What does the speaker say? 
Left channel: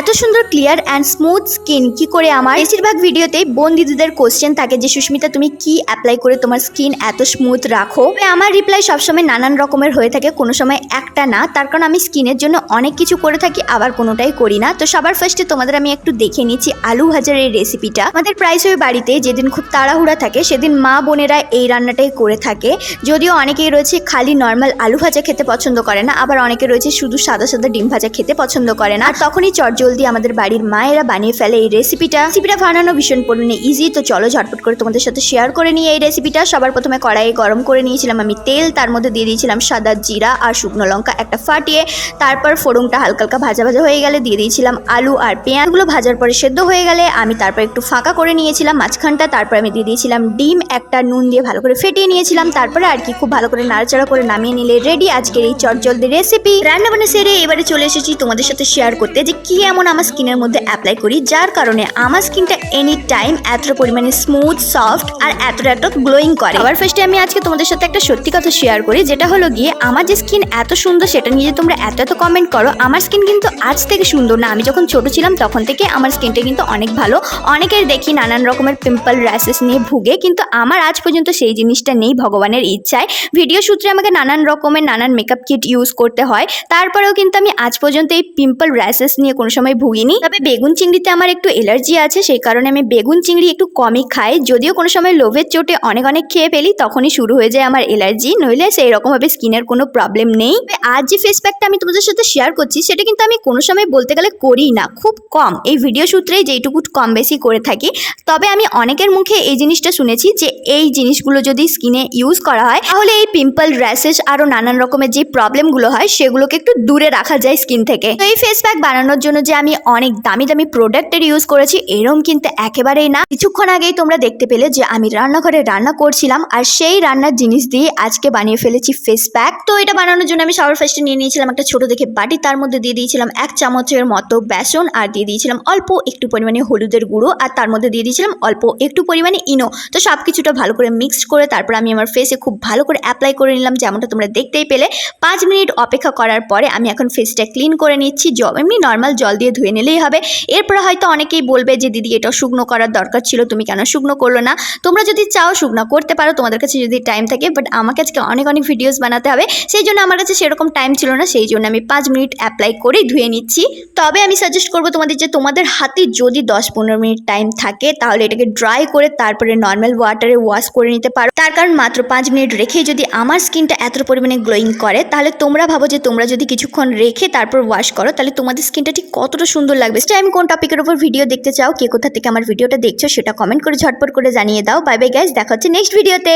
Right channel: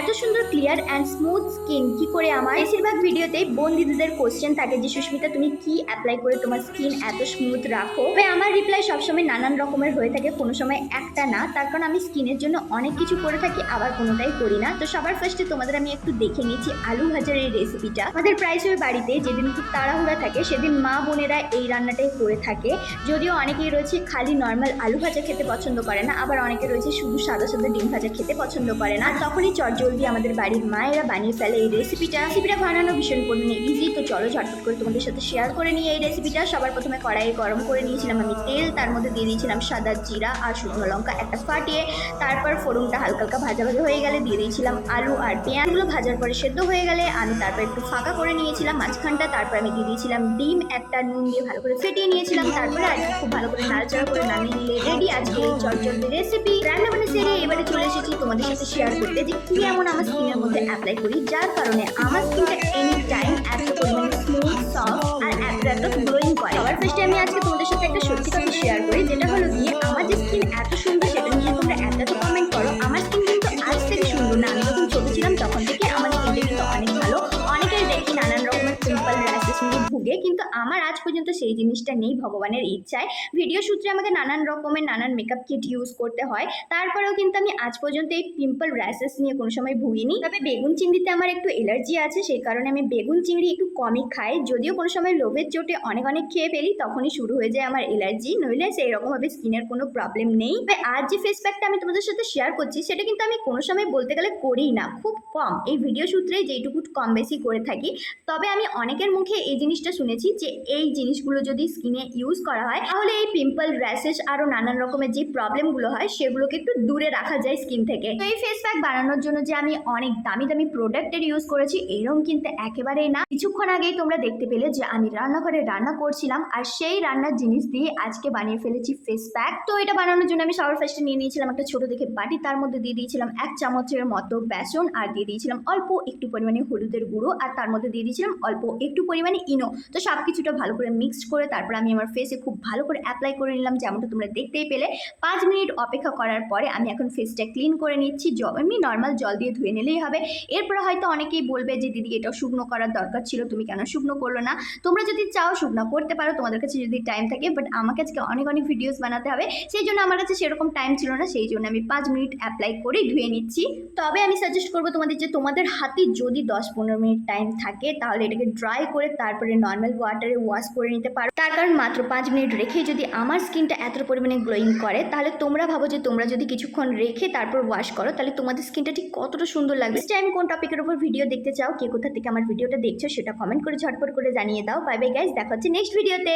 এত সুন্দর clear and smooth skin কি করে আমার? বেশিরভাগ ভিডিওতেই বোন দিদিদের কোশ্চেন থাকে যে, সুস্মিতা, তুমি কি অ্যাপ্লাই করে তোমার স্কিন এত স্মুথ রাখো? আমার রিপ্লাই সবসময় নানান রকমের হয়ে থাকে, কোনো সময় একটা না। তার কারণ আমি স্কিনের জন্য অনেক কিছু করে থাকি, আবার কোনোটাই করি না। তো সবার ফার্স্টে তোমাদের আমি একটু দেখে নিচ্ছি আলু ভাজার এই রেসিপিটা আমাদের প্রাইস হয়ে বাড়িতে যেদিন খুব তাড়াহুড়া থাকে, সেদিন মা বোনেরা এই রান্নাটাই করে থাকে। যদিও অনেকেই রয়েছে খালি নর্মাল আলু ভাজা খেতে পছন্দ করে না, আবার অনেকে রয়েছে শুধু সাদা সাদা ডিম ভাজা খেতে পছন্দ করে না। আর তখনই চটজলদি আমাদের বাড়ির মায়েরা বানিয়ে ফেলে এই রেসিপিটা রেসিপিটা বানানো ভীষণ পরিমাণে ইজি তো চলো ঝটপট করে তোমাদের সাথে শেয়ার করে নিয়ে এই রেসিপিটা সবার প্রথমে কড়াইয়ে গরম করে নিয়েছিলাম আমি তেল, তার মধ্যে দিয়ে দিয়েছিলাম সাদা জিরা আর শুকনো লঙ্কা একটা ফাটিয়ে, তারপর ফোড়নটা হালকা হালকা ভাজা ভাজা হয়ে গেলে দিয়ে দিয়েছিলাম আলু আর পেঁয়াজগুলো ভাজার পরে সেদ্ধ হয়ে গেলে আমি তারপর একটু ফাঁকা করে নিয়েছিলাম মাঝখানটা, তারপর আমি দিয়ে দিয়েছিলাম ডিম, একটা নুন দিয়ে ভালো করে ফেটিয়ে নিয়েছিলাম, তারপরে আর কি খুব ভালো করে নাড়াচাড়া করে নামিয়ে নিলে রেডি আজকের এই চটজলদি রেসিপি রান্না বান্না সেরে এবারে চলে এসেছি তোমাদের সাথে শেয়ার করতে যে কি এমন আমার স্কিনের মধ্যে অ্যাপ্লাই করি, যার কারণে আমার স্কিনটা এনি টাইম এত পরিমাণে স্মুথ সফট আর এতটা এত গ্লোয়িং করে। আবার ফার্স্টে আমি আজকে তোমাদের সাথে একটা সত্যি কথা শেয়ার করি, যেটা হলো গিয়ে আমার যে স্কিন এত সুন্দর, সেটা নিয়ে তোমরা এত এত কমেন্ট করো, আমার স্কিন কিন্তু আজ থেকে সুন্দর না। আমি যখন ছোট ছিলাম, তখন থেকে আমার স্কিনটা কিন্তু অনেক ভালো। অনেকের দেখি নানান রকমের পিম্পল র্যাশেস নিয়ে ভুগে, কিন্তু আমার আজ পর্যন্ত সেই জিনিসটা নেই, ভগবানের ইচ্ছায়। ভিডিও সূত্রে আমাকে নানান রকমের, নানান মেকআপ কিট ইউজ করতে হয়। তারপরেও কিন্তু আমি আজ পর্যন্ত এই পিম্পল র্যাশেস নিয়ে কোনো সময় ভুগিনি। তবে বেগুন চিংড়িতে আমার একটু এলার্জি আছে, সেই কারণে আমি বেগুন চিংড়ি একটু কমই খাই। যদিও কোনো সময় লোভের চোটে অনেক অনেক খেয়ে ফেলি, তখনই শুরু হয়ে যায় আমার এলার্জি। নইলে সেই রকমভাবে স্কিনের কোনো প্রবলেম নেই। আজ যে ফেস প্যাকটা আমি তোমাদের সাথে শেয়ার করছি, সেটা কিন্তু আমি কোনো সময় বলতে গেলে করি না, খুব কম। এই ভিডিও সূত্রেই যেইটুকু কম বেশি করে থাকি। তবে আমি অনেকের মুখে এই জিনিসটা শুনেছি যে, এই জিনিসগুলো যদি স্কিনে ইউজ করা হয়, তাহলে এই পিম্পল র্যাশেস আরও নানান রকমের যে প্রবলেমগুলো হয়, সেগুলোকে একটু দূরে রাখা যায় স্কিন থেকে। তো এই ফেস প্যাক বানানোর জন্য যে আমি অনেক দামি দামি প্রোডাক্টের ইউজ করেছি, এরম কিন্তু একেবারেই না। কিছুক্ষণ আগেই তোমরা দেখতে পেলে যে আমি রান্নাঘরে রান্না করছিলাম আর সেই রান্নার জিনিস দিয়ে আজকে বানিয়ে ফেলেছি ফেস প্যাক তো এটা বানানোর জন্য আমি সবার ফার্স্টে নিয়ে নিয়েছিলাম একটা ছোট দেখে বাটি, তার মধ্যে দিয়ে দিয়েছিলাম এক চামচের মতো বেসন আর দিয়ে দিয়েছিলাম অল্প একটু পরিমাণে হলুদের গুঁড়ো আর তার মধ্যে দিয়ে দিয়েছিলাম অল্প একটু পরিমাণে ইনো। তো সব কিছুটা ভালো করে মিক্সড করে তারপর আমি আমার ফেসে খুব ভালো করে অ্যাপ্লাই করে নিলাম, যেমনটা তোমরা দেখতেই পেলে। পাঁচ মিনিট অপেক্ষা করার পরে আমি এখন ফেসটা ক্লিন করে নিচ্ছি। এমনি নর্মাল জল দিয়ে ধুয়ে নিলেই হবে। এরপরে হয়তো অনেকেই বলবে যে, দিদি এটা শুকনো করার দরকার ছিল, তুমি কেন শুকনো করল না? তোমরা যদি চাও শুকনো করতে পারো, তোমাদের কাছে যদি টাইম থাকে বাট আমাকে আজকে অনেক অনেক ভিডিওস বানাতে হবে। সেই জন্য আমার কাছে সেরকম টাইম ছিল না, সেই জন্য আমি পাঁচ মিনিট অ্যাপ্লাই করে ধুয়ে নিচ্ছি। তবে আমি সাজেস্ট করব তোমাদের যে, তোমাদের হাতে যদি দশ পনেরো মিনিট টাইম থাকে, তাহলে এটাকে ড্রাই করে তারপরে নর্মাল ওয়াটারে ওয়াশ করে নিতে পারো। তার কারণ মাত্র পাঁচ মিনিট রেখেই যদি আমার স্কিনটা এত পরিমাণে গ্লোয়িং করে, তাহলে তোমরা ভাবো যে, তোমরা যদি কিছুক্ষণ রেখে তারপর ওয়াশ করো, তাহলে তোমাদের স্কিনটা ঠিক কতটা সুন্দর লাগবে আমি কোন টপিকের উপর ভিডিও দেখতে চাও, কে কোথা থেকে আমার ভিডিওটা দেখছ সেটা কমেন্ট করে ঝটপট করে জানিয়ে দাও। বাই বাই গাইজ দেখা হচ্ছে নেক্সট ভিডিওতে